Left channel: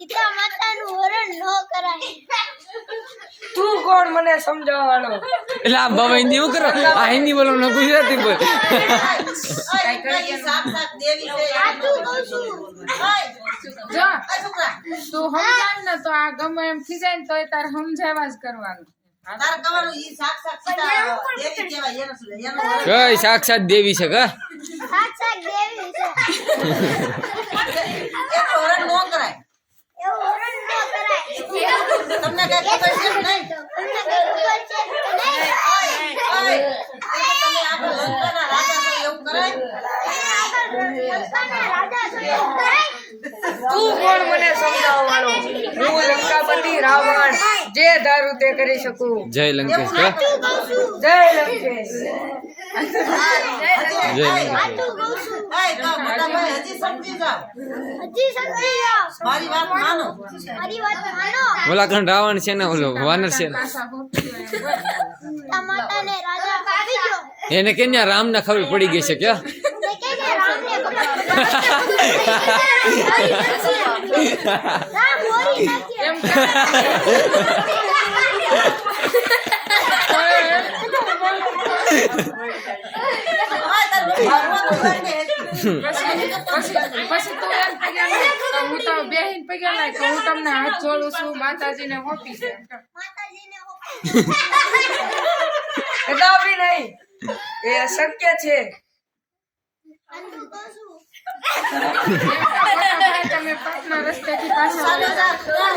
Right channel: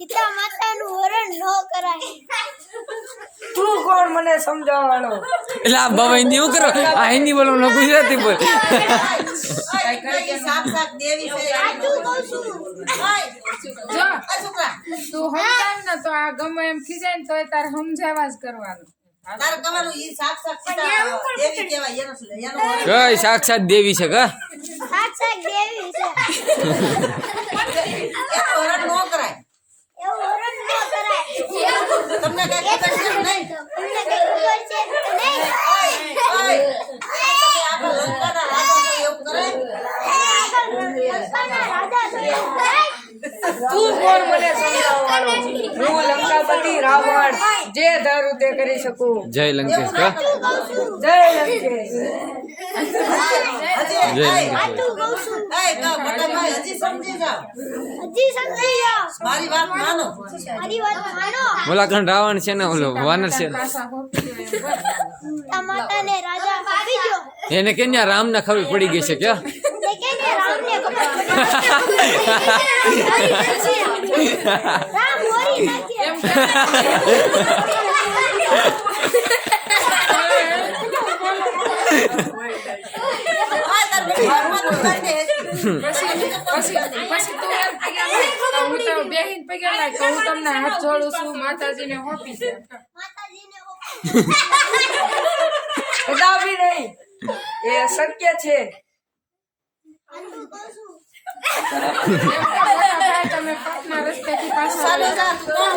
સીતા માતાનું હરણ ન કરાય. તું કોણ મને સમજાવવાનો? એટલે આ બાબા હિન્દી શું કરો? આ હિન્દી બોલો ને ગુજરાતી બોલ. સાક્ષાત દેવી છે. સાચું કહું છું. જો તું સમજાવ ને તો આ ગમે એમ ખીજાય ને તોય તારે સમજાવવા જ કરવાનું. તારે કહેવાનું ઈ સાક્ષાત સીતા દેવી કહેવાય. એનો કઈ સાક્ષાત દેવી છે કા? સાક્ષાત દેવી છે. એનો હરણ ન કરાય. એવું હરણ ન કરાય. તમને કઈ ખબર છે કે નહીં? તમને કઈ ખબર છે કે નહીં? તમે આગળ લંકાના રાજા છો એવું કરાય? આગળ લંકાના રાજા છો એવું કરાય? તું કોણ મને સમજાવવાનો? હું લંકાપતિ રાવણ જે ધારું તે કરી શકું. જય લંકેશ કા? જય લંકેશ. જય લંકેશ. સાચું કહું છું. તો મોટા ભાઈ હજી સમજી જાઓ. હજી સમજી જાઓ. મારી વાત માનો. મારી વાત માનો. ઓલા કણ રાવણ છે ને ઓલો વાનર છે ને સીતા માતાને રાજા આપી ગયો. એને કે રામ ના ખબર પડી ગઈ છે કે? તે કે ને રામને ખબર રામ હોરી નાખ્યા. પછી તું એમ કહેવાય હું તો બેહીન પગ્યા લાય કે હું તમને હાથ જોડું છું માતાજીને હોપી છે. માતાજીને કદાપી નહીં, એ અશક્ય છે. સાચું કહું છું. તમે પાપના રસ્તેથી પાછા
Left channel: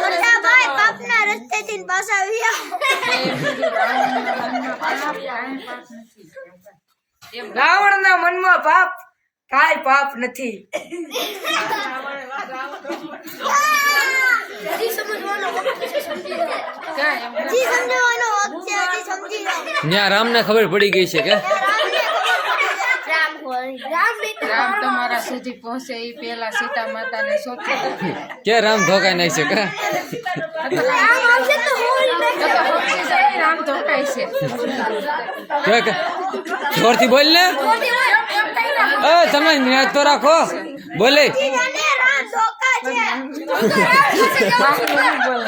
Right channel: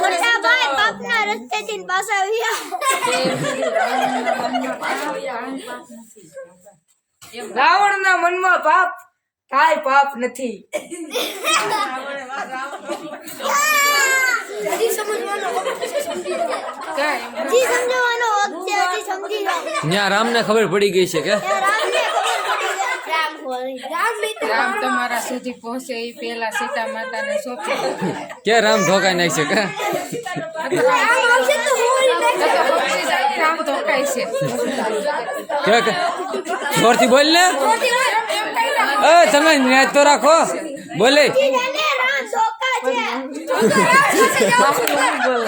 મોટા ભાઈ પાપના રસ્તેથી પાછા આવી આવો. રાવણના મનમાં પાપ કાંઈ પાપ નથી. હજી સમજવાનો વખત છે. સમજી જાઓ. હજી સમજવાનો વખત છે. હજી સમજી જાઓ. ત્યાં રામ ને ખબર પડી ગઈ છે કે? રામને ખબર પડી જાય. રામ હોરી. રામ નહીં તો રામ તમારા સુધી પહોંચે એ પેલા સીતા માતાને સોંપી દે. કે રામ ધોકાઈ નાખ છે કે? રામ આવશે તો હોરી તો પહોંચી જાય ને રામ ધોકાય છે. કે જોરથી બોલ ને. એ તમે ન્યાજ તો રાખો. બોલે રામ ધોકા છે.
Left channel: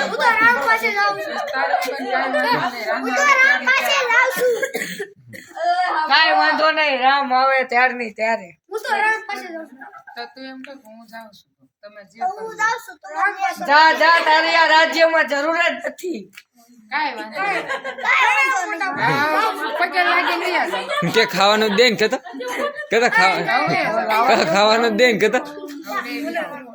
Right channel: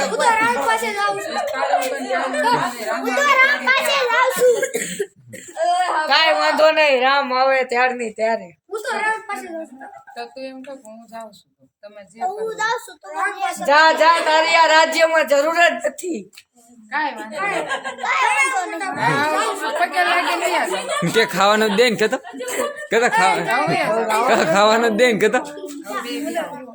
હું તો રામ પાસે જાઉં છું. હું તો રામ પાસે જાઉં છું. કાંઈ વાંધો નહીં, રામ આવે ત્યારની ત્યારે. હું તો રામ પાસે જાઉં છું. તો તું એમ કહે કે હું જાઉં છું તમે જે તો હું જાઉં છું તો રામ પાસે જા જા, તારી આ રાજ્યમાં જરૂર જ નથી. કાંઈ વાંધો નહીં. જાઉં. પગે લાગી નહીં આવે. કે ખાવાનું જ દે ને કેતો કેતો ખાવાનું જ દે ને કેતો. હવે